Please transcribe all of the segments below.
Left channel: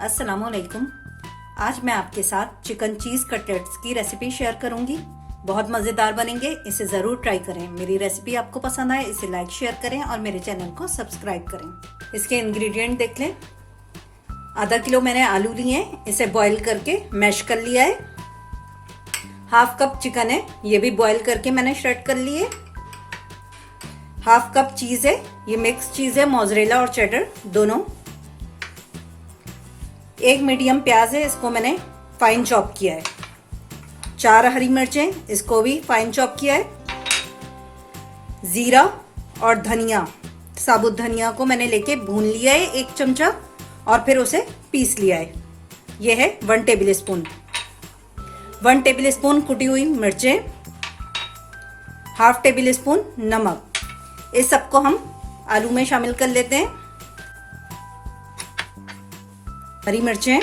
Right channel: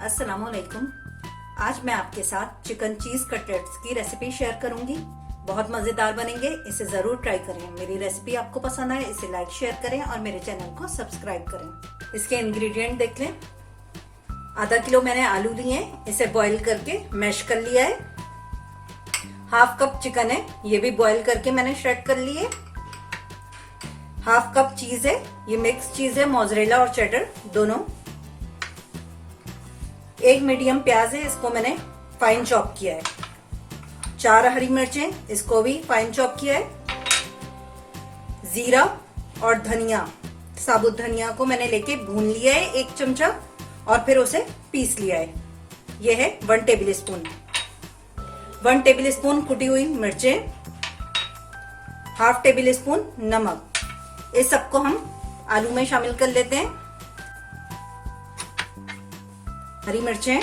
अस्सलाम वालेकुम। आज मैं आपके साथ चिकन चीज कटलेट्स की रेसिपी शेयर करूंगी। बहुत मजेदार बनेंगे, इसे जरूर ट्राई करें। मेरी रेसिपी आपको पसंद आए इसे लाइक शेयर करें और मेरे चैनल को सब्सक्राइब करें। इसके इंग्रेडिएंट देख लें। आधा किलो मैंने आलू लिए, इसे बॉईल करके मैश कर लिया है। हाफ कप चिकन है, ये भी बॉईल करके मैंने श्रेड कर लिए। हाफ कप चीज है, ये मिक्स चीज है, मोज़रेला और चेडर दोनों। एक मीडियम प्याज है, इसको मैंने फाइन चॉप किया है। 4 हरी मिर्चें, इसको भी फाइन चॉप किया है। जीरा और धनिया, साबुत धनिया को मैंने लेके भून लिया है 1 चमचा और फिर उसे पीस लिया है। यह है 1 टेबल स्पून। 1 टेबल स्पून कुटी हुई मिर्चें, हाफ टेबल स्पून नमक। इस सबको हम आलू में शामिल कर लेते हैं। हरी मिर्चें,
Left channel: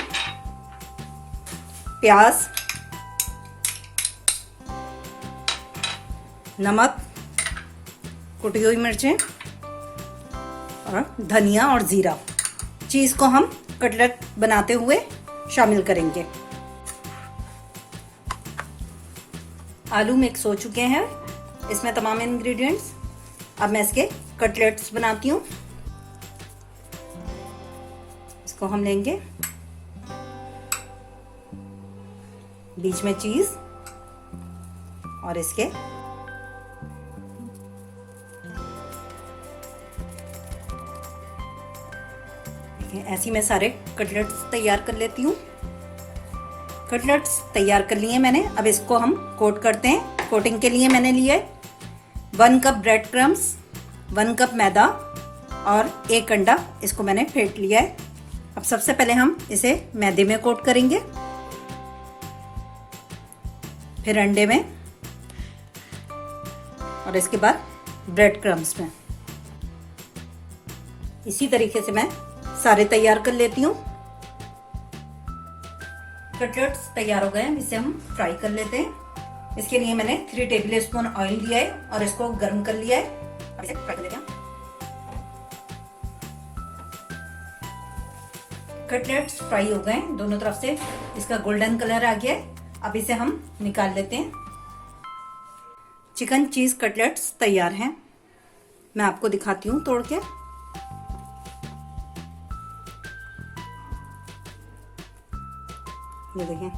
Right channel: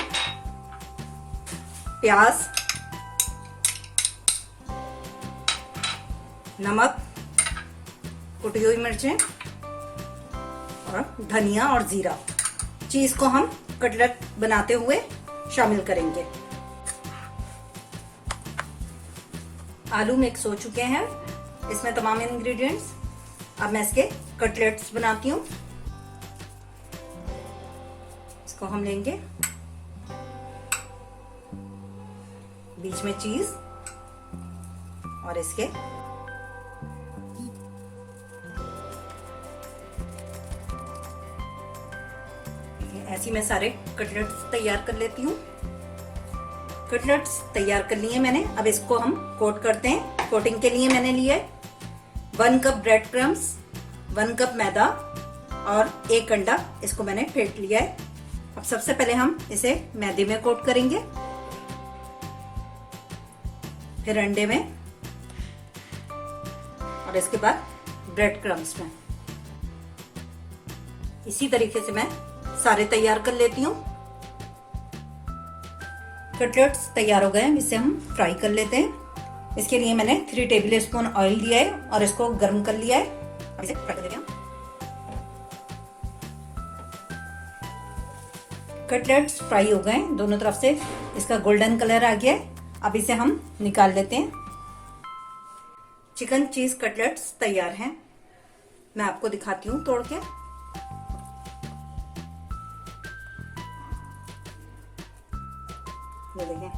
प्याज, नमक, कुटी हुई मिर्चें और धनिया और जीरा। चीज को हम कटलेट बनाते हुए शामिल करेंगे। आलू मिक्स हो चुके हैं, इसमें तमाम इंग्रेडिएंट्स। अब मैं इसके कटलेट्स बनाती हूँ। इसको हम लेंगे, बीच में चीज और इसके ऐसी मैं सारे कटलेट्स तैयार कर लेती हूँ। कटलेट्स तैयार कर लिए मैंने। अब इसको हम कोट करते हैं। कोटिंग के लिए मैंने लिया है 1 कप ब्रेड क्रम्स, 1 कप मैदा और 1 अंडा। इसको मैंने फेंट लिया है। अब सबसे पहले हम इसे मैदे में कोट करेंगे, फिर अंडे में और इसके बाद ब्रेड क्रम्स में। इसी तरीके से मैं सारे तैयार कर लेती हूँ। कटलेट्स तैयार हो गए हैं, इसे हम फ्राई कर लेते हैं। इसके लिए मैंने 3 टेबल स्पून ऑयल लिया है और इसको गर्म कर लिया है। इसे फ्राई कर लेते हैं। कटलेट्स फ्राई हो गए, दोनों तरफ से इसका गोल्डन कलर आ गया है। अब इसे हम निकाल लेते हैं। चिकन चीज कटलेट्स तैयार हैं। मैं आपको दिखाती हूँ तोड़ के। ये देखिए,